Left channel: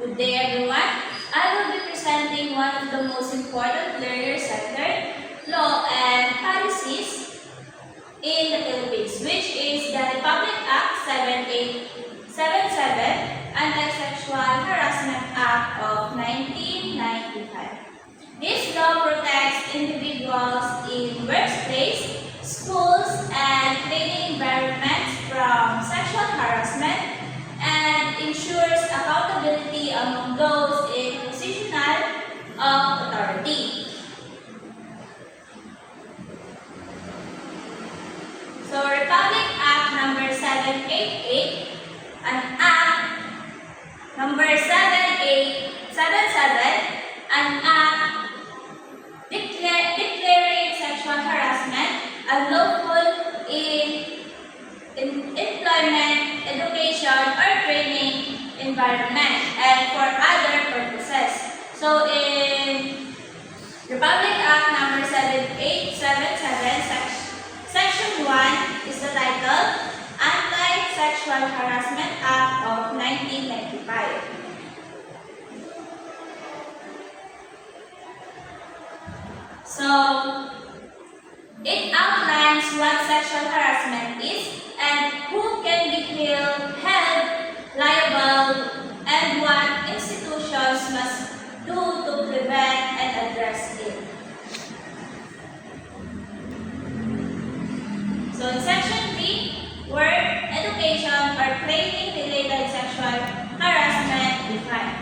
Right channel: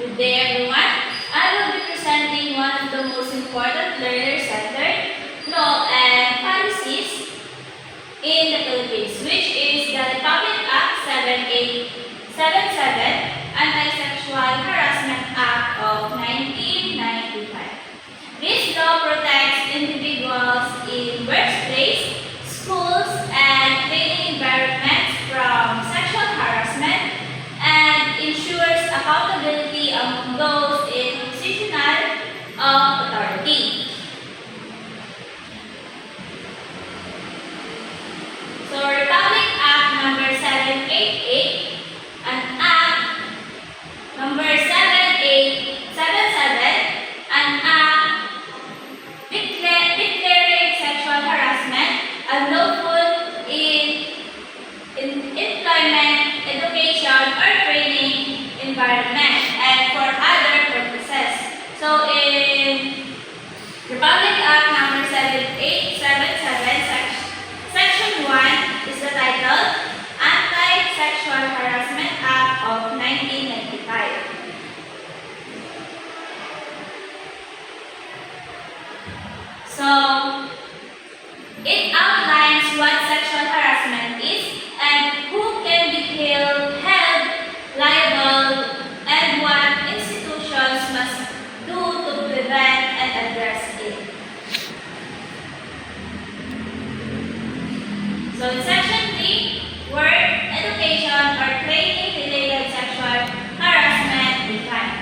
Good day everyone. I will be presenting one of the most important learner-centered law and policies in the Philippines, which is the Republic Act 7877, Anti-Sexual Harassment Act of 1995. This law protects individuals in workplace, schools, and training environments from sexual harassment and ensures accountability among those in positional of authority. So, Republic Act number 788, an Act number 7877, an Act declaring sexual harassment unlawful in employment, education, or training environment, and for other purposes. So, in Republic Act number 7877, Section 1 is the title, Anti-Sexual Harassment Act of 1995. So, it outlines what sexual harassment is and who can be held liable and what institutions must do to prevent and address it. So in Section 3, work, education, or training-related sexual harassment defined.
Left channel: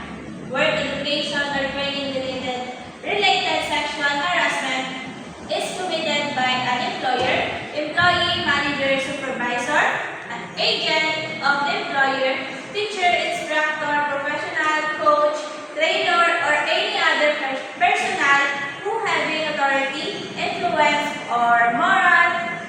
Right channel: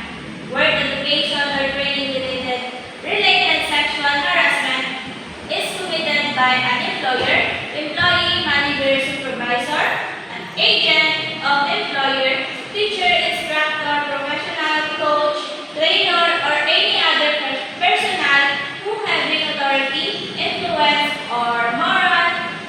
Work, education, or training-related sexual harassment is committed by an employer, employee, manager, supervisor, an agent of employer, teacher, instructor, professional, coach, trainer, or any other personnel who having authority, influence, or moral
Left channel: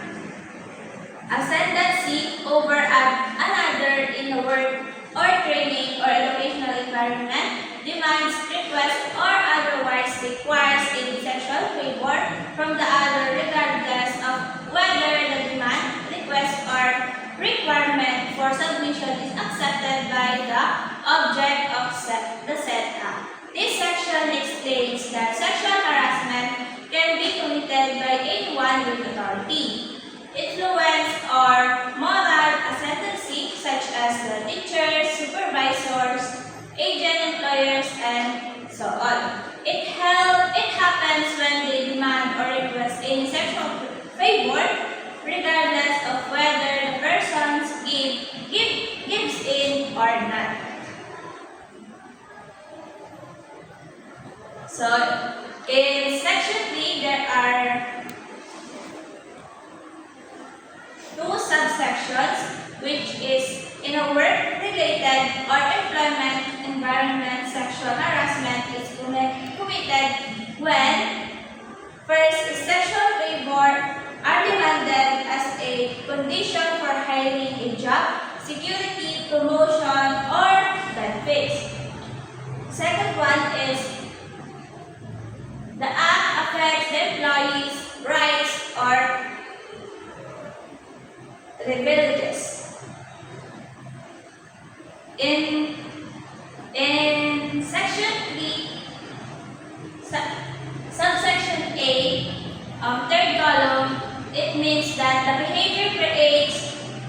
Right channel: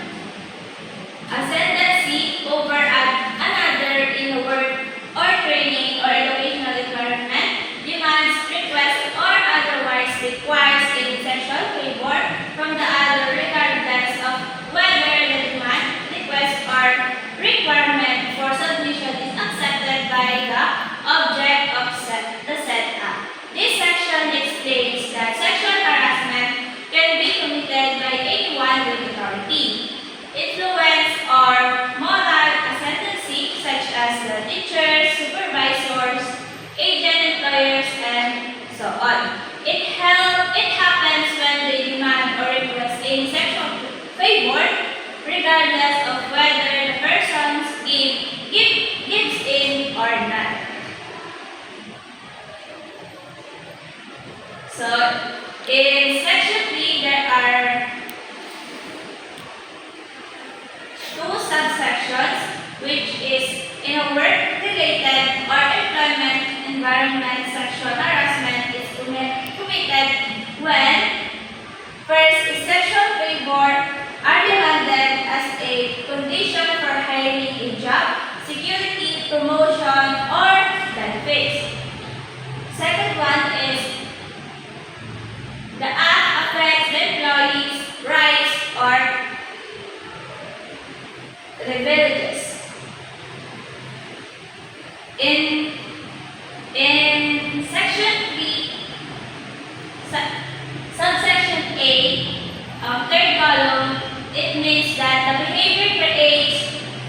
ascendancy over another in a work or training or educational environment, demands, requests, or otherwise requires any sexual favor from the other regardless of whether the demand, request, or requirement for submission is accepted by the object of the said act. This section explains that sexual harassment can be committed by anyone with authority, influence, or moral ascendancy such as the teachers, supervisors, agent employers, and so on. It happens when they demand or request any sexual favor, regardless of whether the person gives in or not. So, in Section 3, there are two subsections, which is in a work-related or employment environment, sexual harassment is committed when first is sexual favor are demanded as a condition for hiring a job, security, promotion, or benefits. Second one is the act affects the employee's rights or privileges. In Section 3, subsection A, third column, it means that the behavior creates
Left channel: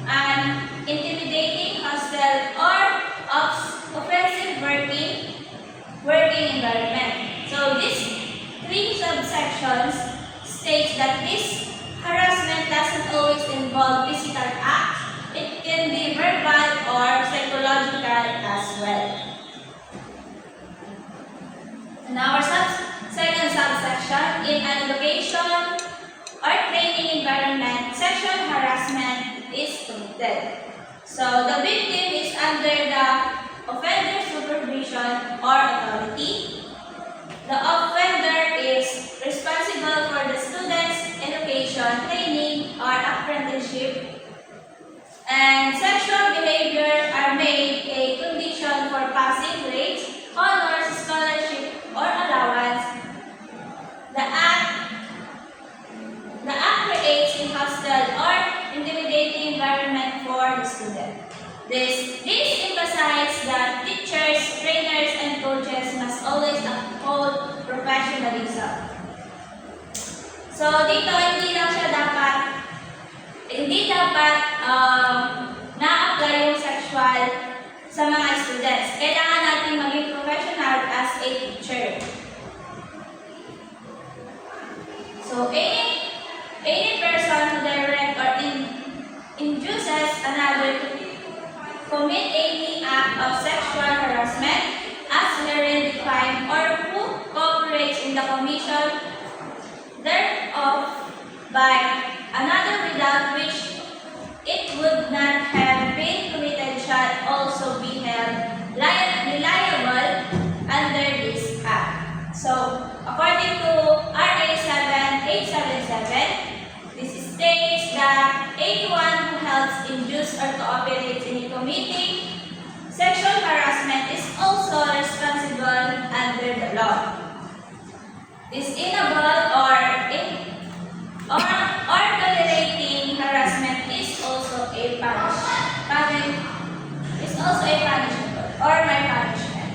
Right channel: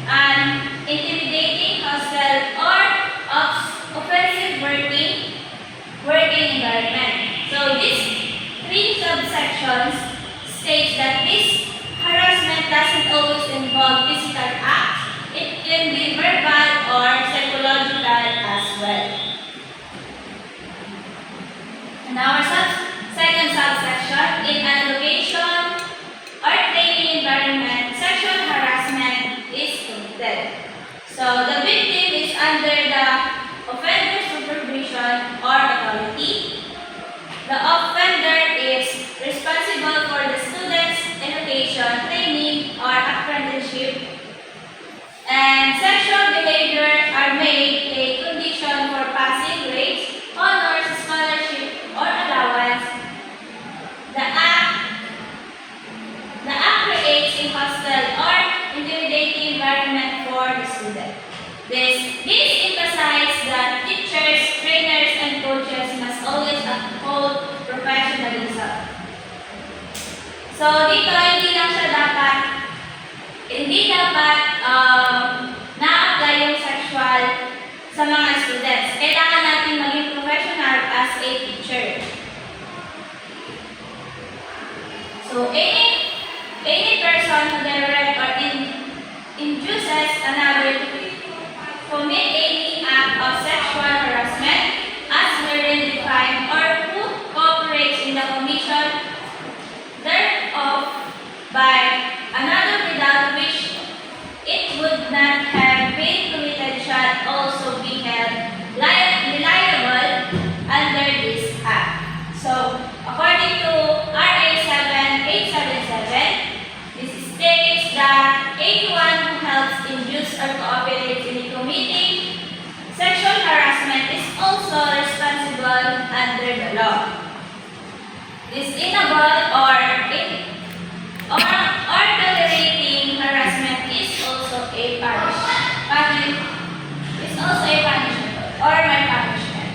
an intimidating, hostile, or offensive working environment. So these three subsections states that this harassment doesn't always involve physical acts. It can be verbal or psychological as well. And our second subsection, in an education or training environment, sexual harassment is committed. So the victim is under the offender's supervision or authority. The offender is responsible for the student's education, training, or apprenticeship, and sexual behavior are made a condition for passing grades, honors, scholarship, or allowance. The act creates a hostile or intimidating environment for the student. This emphasizes that teachers, trainers, So, dito, hindi dapat na-apply yung sexual sa mga students. Kailangan natin maging professional as a teacher. So, any person who direct or induces another to commit any act of sexual harassment as herein defined or who cooperates in the commission thereof by another without which it would not have been committed shall also be held liable under this act. So, according to RA 7877, this states that anyone who helps, induce, or cooperates in committing sexual harassment is also responsible under the law. This inable or tolerating harassment is also a punishment or my punishment.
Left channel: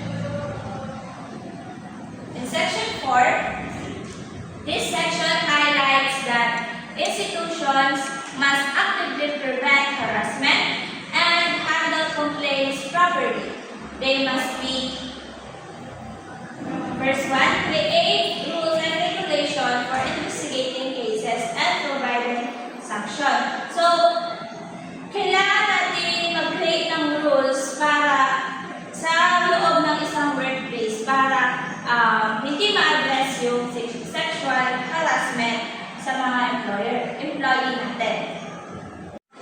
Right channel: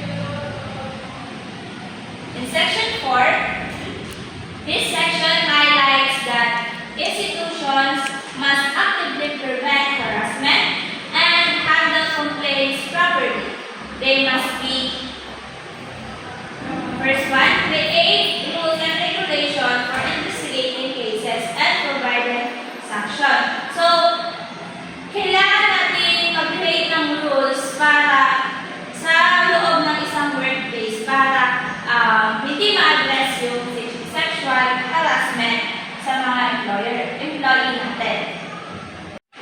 In section 4, this section highlights that institutions must actively prevent harassment and handle complaints properly. They must be, first one, create rules and regulations for investigating cases and providing sanction. So, kailangan natin mag-create ng rules para sa loob ng isang workplace para hindi ma-address yung sexual harassment sa mga employee natin.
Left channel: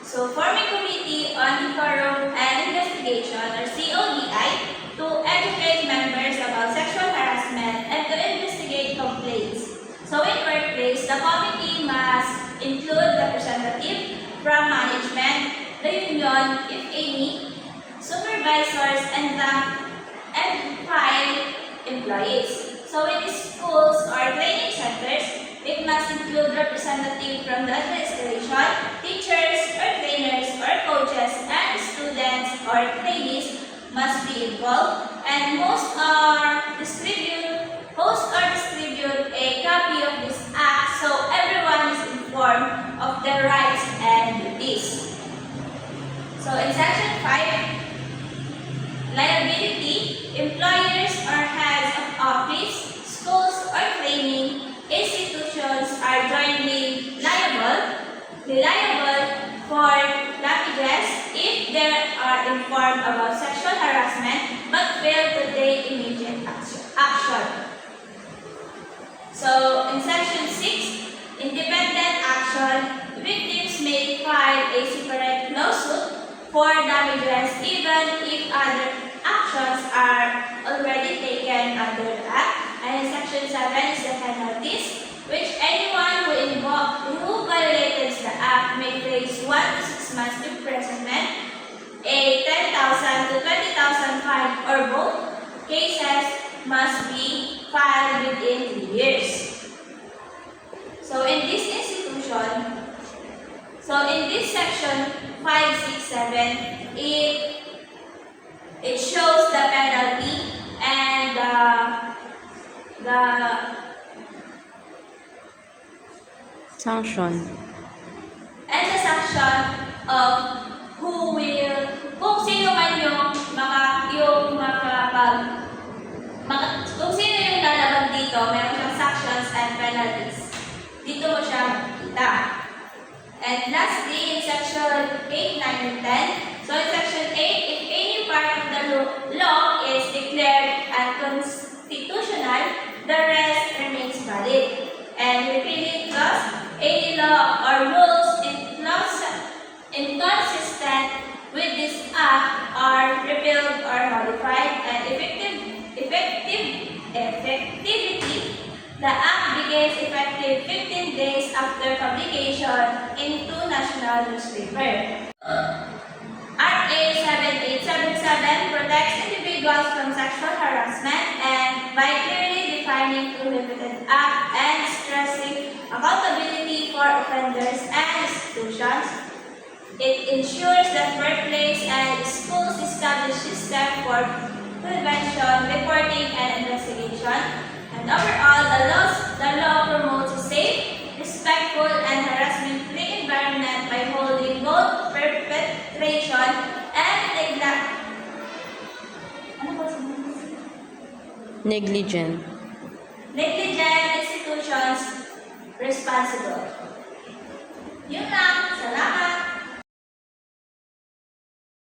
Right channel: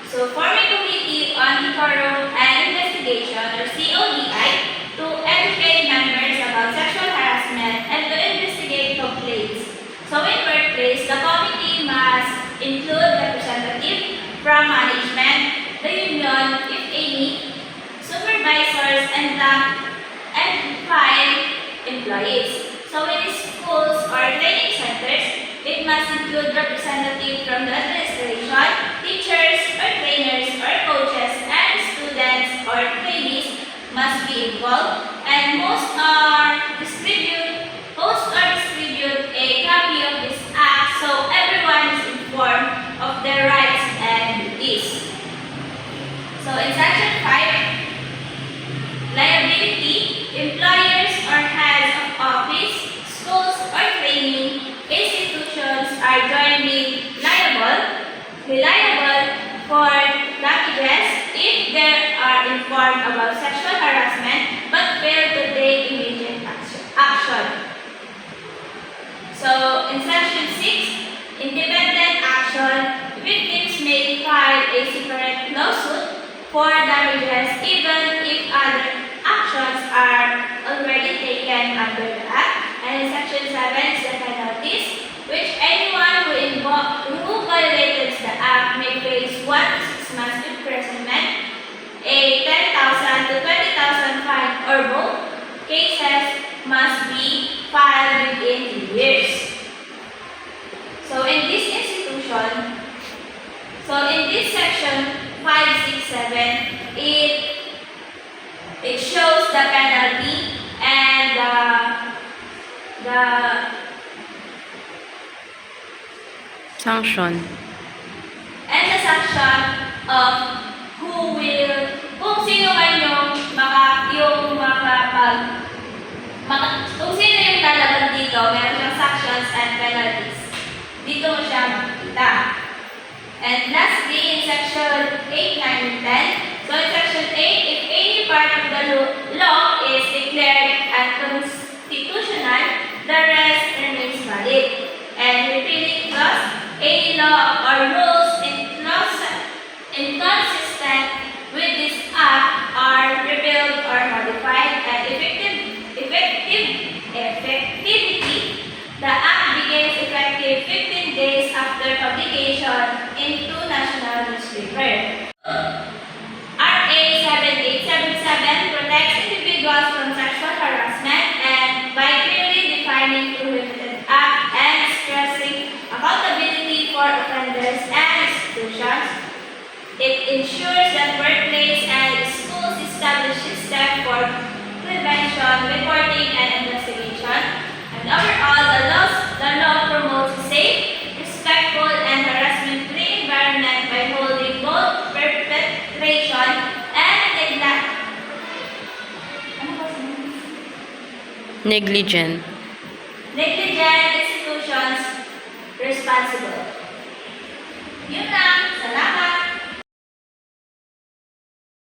So, forming committee on decorum and investigation or CODI to educate members about sexual harassment and to investigate complaints. So, in workplace, the committee must include representatives from management, the union, if any, supervisors, and file employees. So, in schools or training centers, it must include representatives from the administration, teachers or trainers or coaches, and students or trainees must be involved, and host or distribute a copy of this act so everyone is informed of their rights and duties. So in section 5, liability, employers or heads of office, schools or training institutions are jointly liable for damages if they are informed about sexual harassment but fail to take immediate action. So, in section 6, independent action, victims may file a separate lawsuit for damages even if other actions are already taken under the Act. And in section 7 is the penalties, which anyone who violates the Act may face 1 to 6 months imprisonment, a 10,000 to 20,000 fine, or both cases must be filed within 2 years. So in this section 5, 6, 7, it shows the penalty and the sanction. And the sanction of kung sino man kung sino yung lalaban dito, meron siyang sanctions and penalties. Dito mo siya makikita. And lastly, in section 8, 9, and 10, so in section 8, if any part of the law is declared unconstitutional, the rest remains valid. And repealing clause, any law or rules inconsistent with this act are repealed or modified, and effectivity, the act begins effective 15 days after publication into national newspaper. RA 7877 protects individuals from sexual harassment and by clearly defining prohibited act and stressing accountability for offenders and institutions. It ensures that workplace and schools establish systems for prevention, reporting, and investigation. And overall, the law promotes a safe, Negligent. Negligent institutions responsible. Yun lang.